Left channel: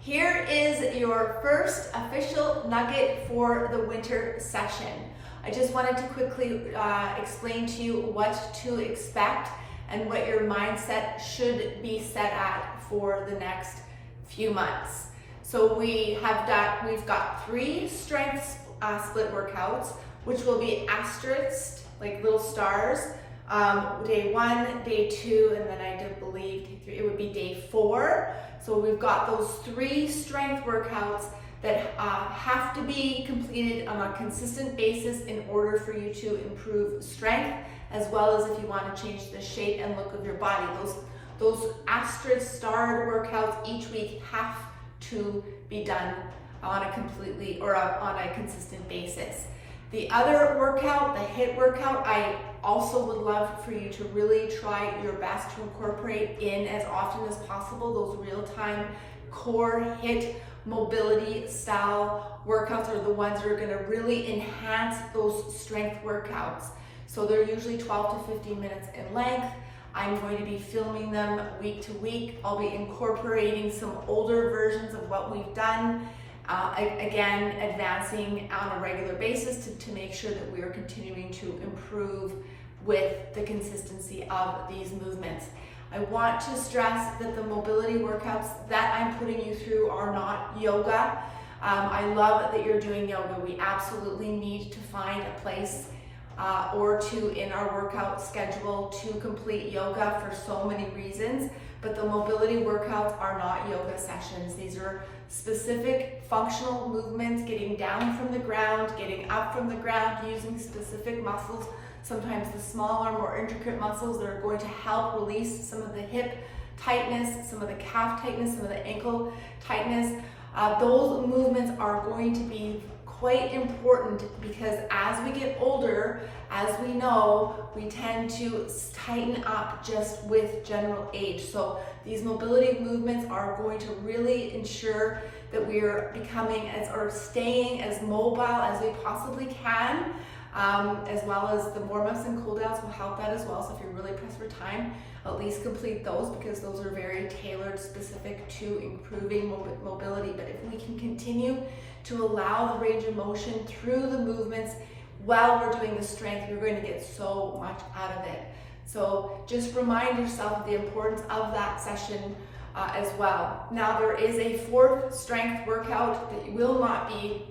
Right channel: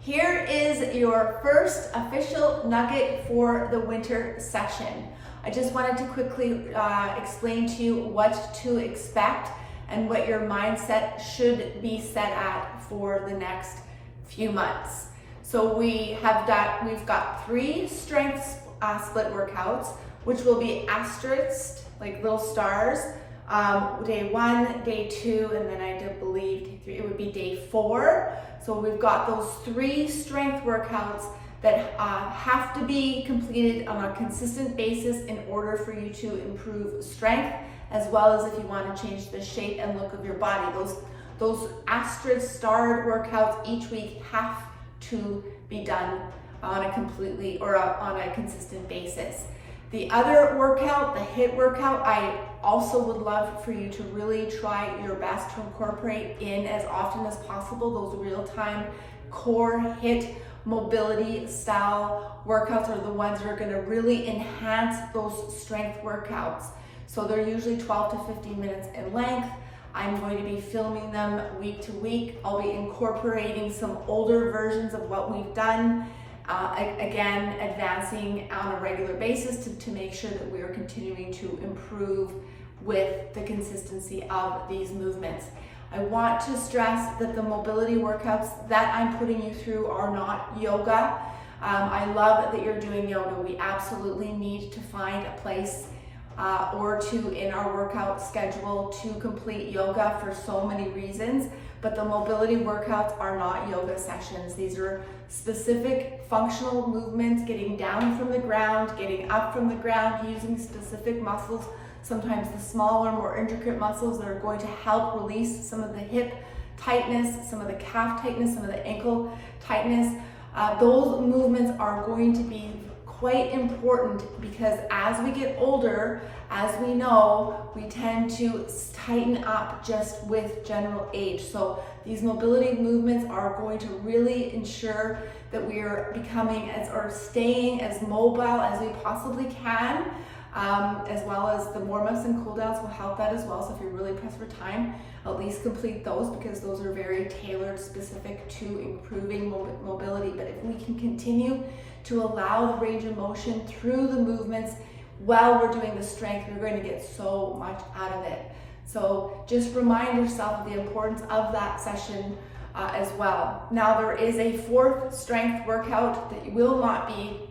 Here is your first official nugget for the winter session. I just wanted to quickly explain to you what to expect and what your mindset should be set at for the next few months. So we've got 3 strength split workouts, which will be asterisked, like little stars, day 1, day 2, and then I do believe day 3, it would be day 4. So we've got those 3 strength workouts that have to be completed on a consistent basis in order for you to improve strength, as well as if you want to change the shape and look of your body. Those asterisk starred workouts each week have to be done on a consistent basis. The other workout, the HIIT workout, I also would love for you to really try your best to incorporate in as often as possible. Those real-time core HIIT mobility style workouts are the ones that are going to really enhance those strength workouts. So they're usually 12 to 15 minutes in length. I'm going to be filming them week to week. I'll be incorporating some older versions of what we've done. Again, advancing on a regular basis to make sure that we are continuing to improve with the consistency of these movements. I want to stress that the mobility workouts that I'm putting you through are not yoga. I love that you're doing yoga. We absolutely need to find a place or two in our workout schedule to complete yoga for so many reasons, but the mobility workouts are not yoga sessions. These are specific functional movements, getting down from the ground, getting up from the ground, using specific muscles, sometimes the smaller, more intricate muscles that are going to help release some of the hip tightness, some of the calf tightness, some of the ankle tightness. Those movements are going to be quite important because as we get older, as we know, we tend to tighten up just with general age. So these mobility movements are going to really ensure that we are staying as mobile as we possibly can, as well as the warm-ups and cool-downs will help that as well. So if you're really pressed for time, at least complete those because those are very tailored, specific to improving mobility. But if we can continue to allow the range of motion through the movements while we're doing the strength, we're going to get so much out of it. So just remind yourself of the importance of that session as well. Now there is a 4th strength workout that will not be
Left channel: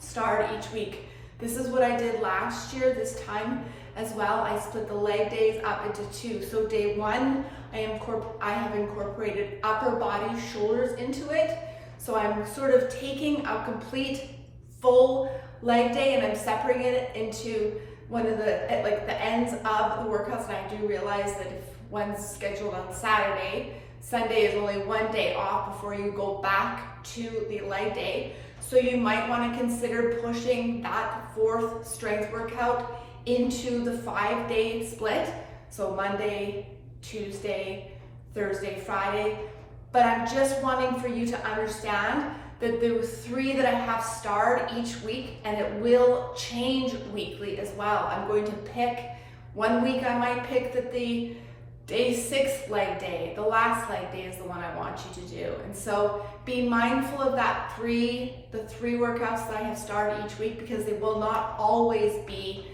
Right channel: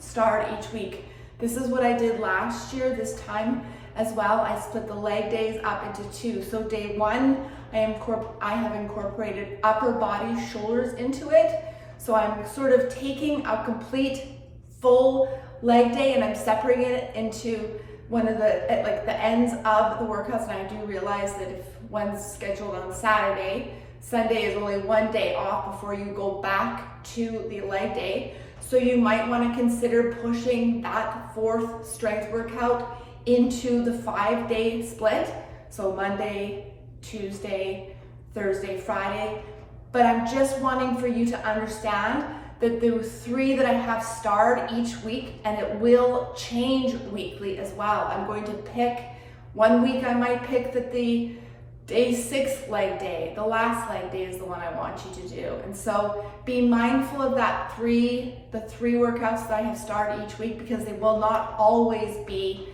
starred each week. This is what I did last year, this time as well. I split the leg days up into 2. So day 1, I have incorporated upper body shoulders into it. So I'm sort of taking a complete full leg day and I'm separating it into one of the ends of the workouts. And I do realize that if one's scheduled on Saturday, Sunday is only 1 day off before you go back to the leg day. So you might want to consider pushing that 4th strength workout into the 5-day split. So Monday, Tuesday, Thursday, Friday. But I'm just wanting for you to understand that there were 3 that I have starred each week, and it will change weekly as well. I'm going to pick, one week I might pick that the day 6 leg day, the last leg day is the one I want you to do. And so be mindful of the 3 workouts that I have started each week because they will not always be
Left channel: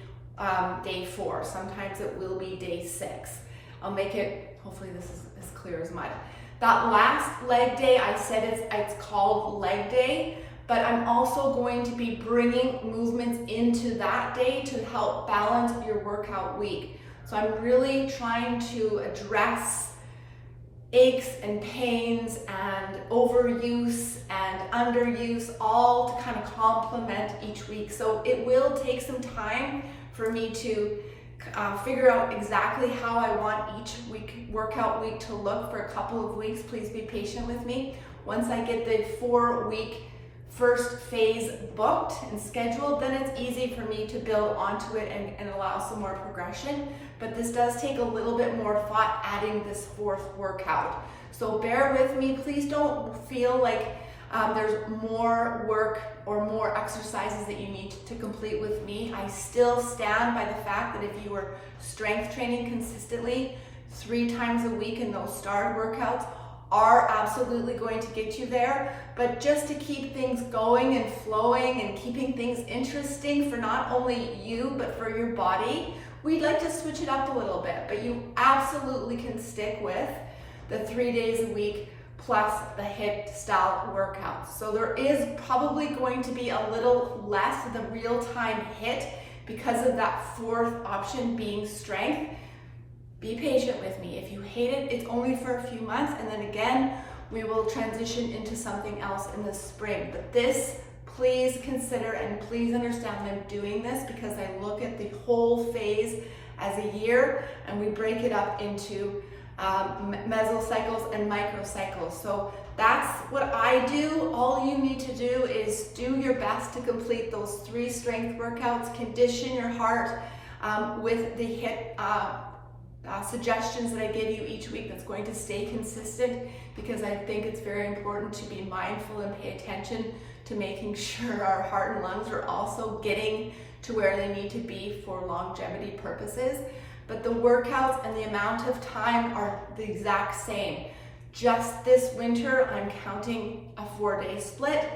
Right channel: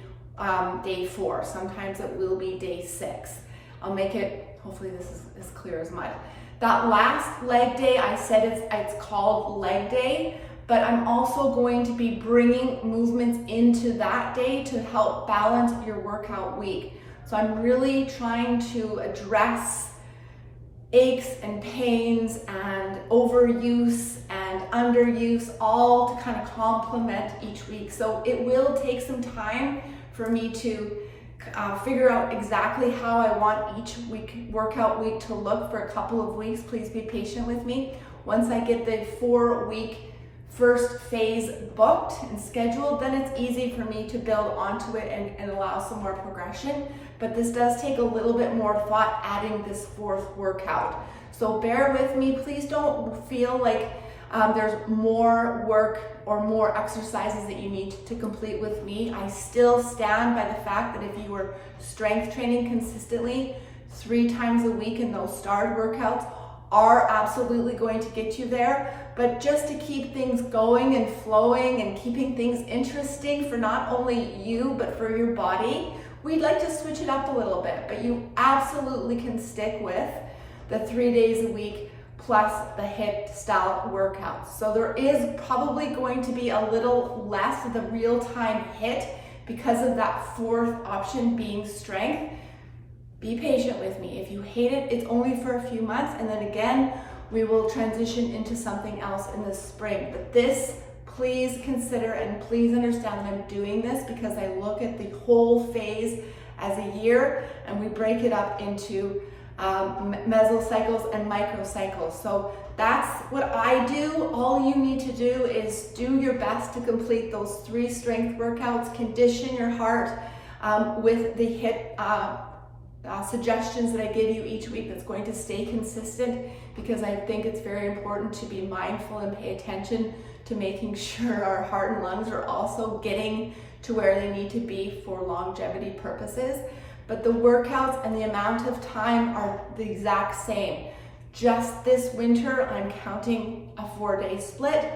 day 4. Sometimes it will be day 6. I'll make it, hopefully this is as clear as mud. That last leg day, I said it's called leg day, but I'm also going to be bringing movements into that day to help balance your workout week. So I'm really trying to address aches and pains and overuse and underuse, all to kind of complement each week. So it will take some time for me to figure out exactly how I want each workout week to look for a couple of weeks. Please be patient with me. Once I get the 4-week first phase booked and scheduled, then it's easy for me to build onto it and allow some more progression. But this does take a little bit more thought adding this 4th workout. So bear with me. Please don't feel like there's more work or more exercises that you need to complete with me. I still stand by the fact that if you are strength training consistently 3 times a week in those starred workouts, are absolutely going to get you there, but just to keep things going and flowing and keeping things interesting for not only you, but for your body, we'd like to switch it up a little bit, but you absolutely can stick with the 3 days a week plus the HIIT style workouts. So there is probably going to be a little less of the real-time HIIT because of that fourth option being strength. Be patient with me. If you hate it, it's only for a few months, and then again, we will transition into something else in the spring. But this, please consider and please understand that I'm doing this because I look at the whole phase as a year, and we break it up into mesocycles and microcycles. So that's what I do. All you need to do is do your best to complete those 3 strength workouts, condition your heart with the HIIT suggestions that I give you each week. That's going to stay consistent because I think it's very important to be mindful and pay attention to making sure our heart and lungs are also getting to where they need to be for longevity purposes. But the workouts and the amount of time are the exact same. Just this winter, I'm counting a 4-day split,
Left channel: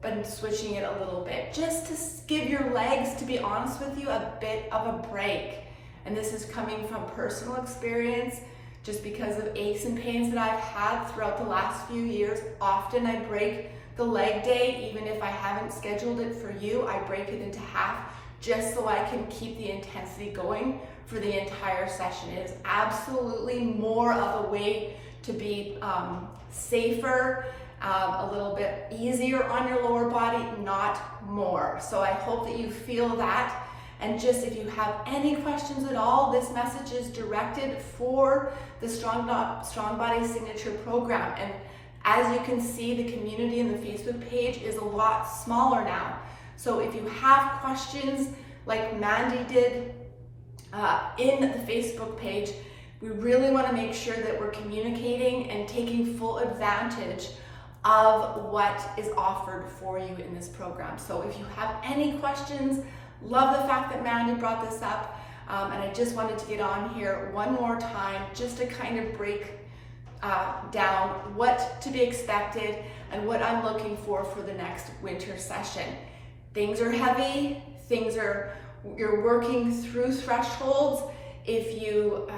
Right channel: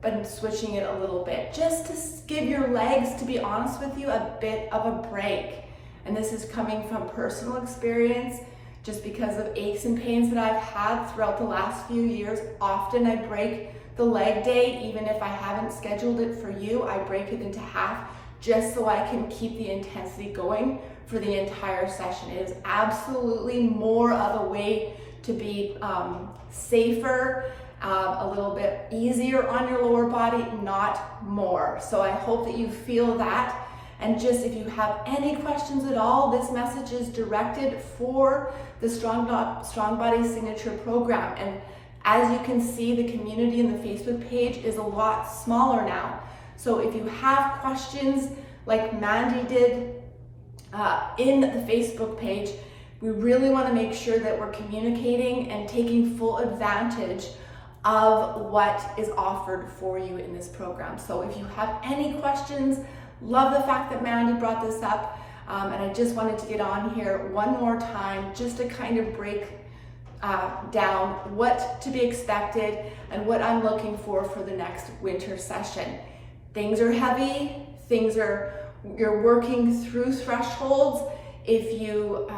but I'm switching it a little bit just to give your legs, to be honest with you, a bit of a break. And this is coming from personal experience, just because of aches and pains that I've had throughout the last few years. Often I break the leg day, even if I haven't scheduled it for you, I break it into half just so I can keep the intensity going for the entire session. It is absolutely more of a way to be safer, a little bit easier on your lower body, not more. So I hope that you feel that. And just if you have any questions at all, this message is directed for the Strong Body Signature Program. And as you can see, the community in the Facebook page is a lot smaller now. So if you have questions like Mandy did in the Facebook page, we really want to make sure that we're communicating and taking full advantage of what is offered for you in this program. So if you have any questions, love the fact that Mandy brought this up, and I just wanted to get on here one more time just to kind of break down what to be expected and what I'm looking for the next winter session. Things are heavy, you're working through thresholds. If you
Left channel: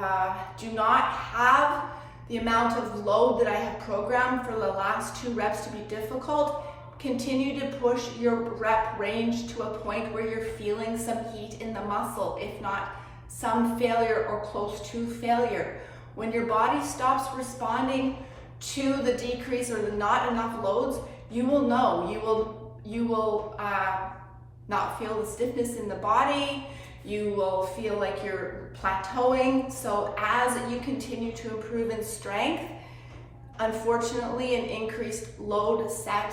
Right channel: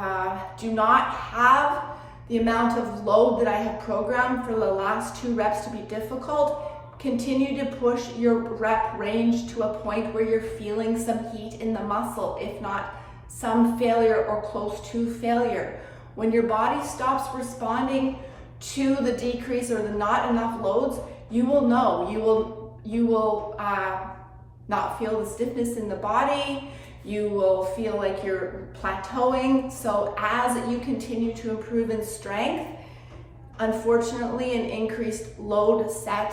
do not have the amount of load that I have programmed for the last 2 reps to be difficult, continue to push your rep range to a point where you're feeling some heat in the muscle, if not some failure or close to failure. When your body stops responding to the decrease or the not enough loads, you will know. You will not feel the stiffness in the body. You will feel like you're plateauing. So as you continue to improve in strength, unfortunately, an increased load set,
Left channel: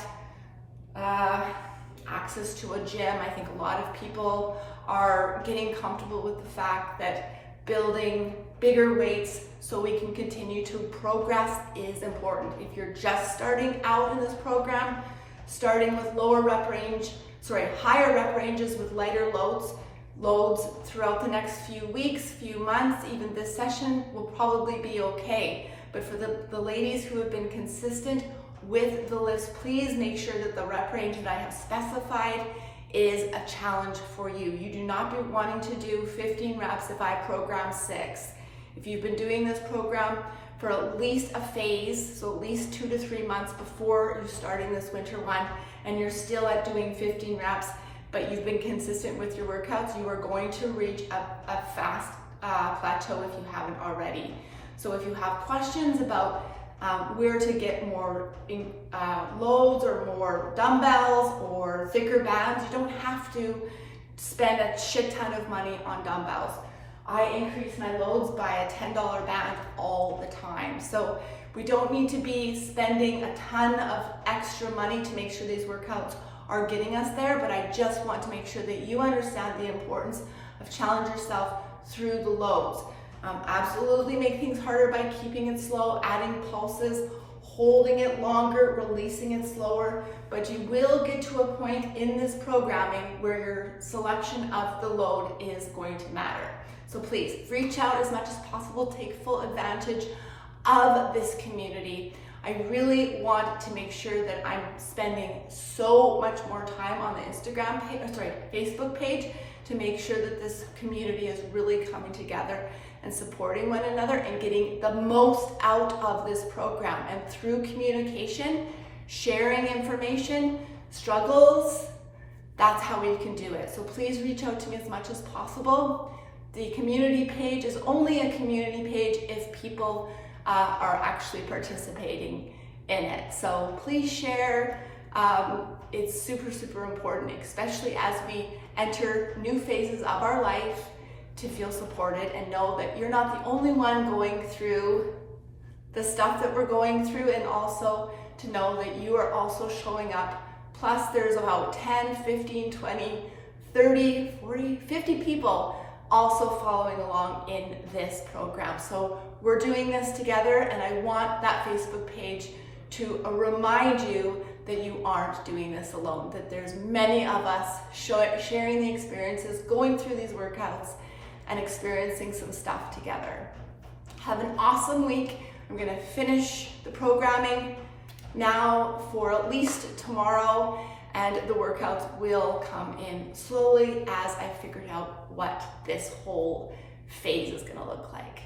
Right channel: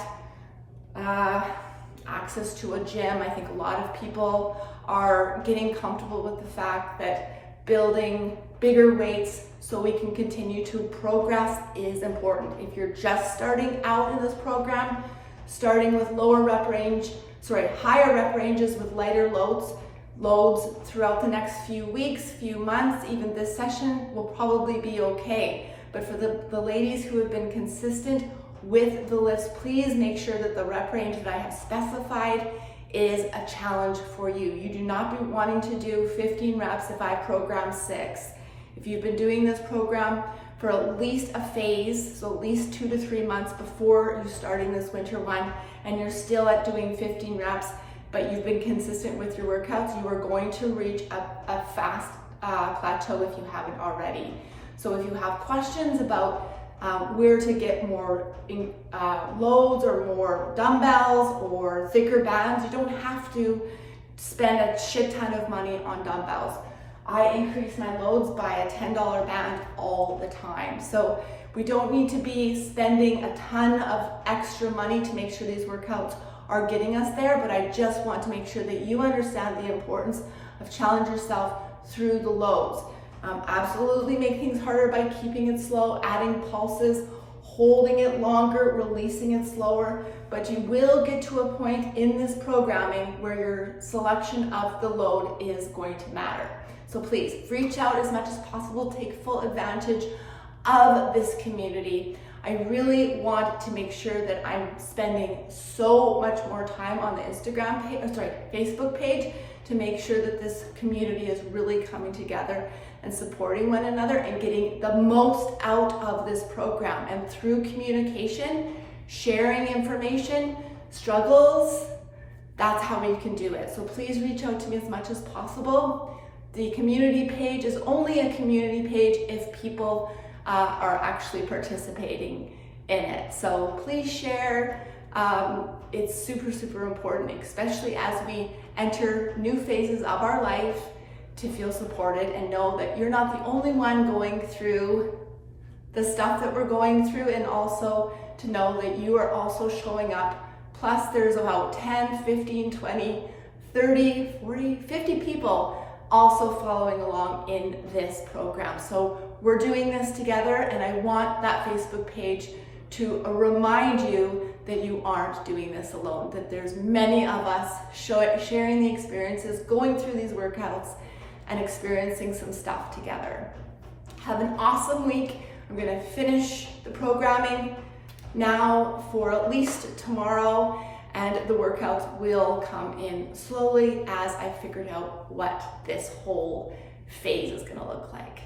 access to a gym. I think a lot of people are getting comfortable with the fact that building bigger weights so we can continue to progress is important. If you're just starting out in this program, starting with higher rep ranges with lighter loads throughout the next few weeks, few months, even this session will probably be okay. But for the ladies who have been consistent with the lifts, please make sure that the rep range that I have specified is a challenge for you. You do not be wanting to do 15 reps if I program 6. If you've been doing this program for at least a phase, so at least 2 to 3 months before you starting this winter one, and you're still at doing 15 reps, but you've been consistent with your workouts, you are going to reach a fast plateau if you haven't already. So if you have questions about where to get more loads or more dumbbells or thicker bands, you don't have to spend a shit ton of money on dumbbells. I increase my loads by a $10 band all the time. So we don't need to be spending a ton of extra money to make sure these workouts are getting us there, but I just want to make sure that you understand the importance of challenge yourself through the loads. Absolutely make things harder by keeping it slow, adding pulses, holding it longer, releasing it slower, but you will get to a point in this programming where your selection of the load is going to matter. So please reach out as much as possible, take full advantage of this community. I really want to make sure that I'm spending so much more time on the Facebook page to make sure that this community is really coming together and supporting one another and getting the most out of this program. And through communication, sharing information, struggles, that's how we can do it. So please reach out to me as much as possible. The community page is only a community page if people are actually participating in it. So please share. It's super, super important, especially as we enter new phases of our life, to feel supported and know that you're not the only one going through the stuff that we're going through, and also to know that you are also showing up. Plus there's about 10, 15, 20, 30, 40, 50 people also following along in this program. So we're doing this together, and I want that Facebook page to remind you that you aren't doing this alone, that there's many of us sharing the experiences, going through these workouts, and experiencing some stuff together. Have an awesome week. I'm gonna finish the programming now for at least tomorrow, and the workouts will come in slowly as I figured out what this whole phase is gonna look like.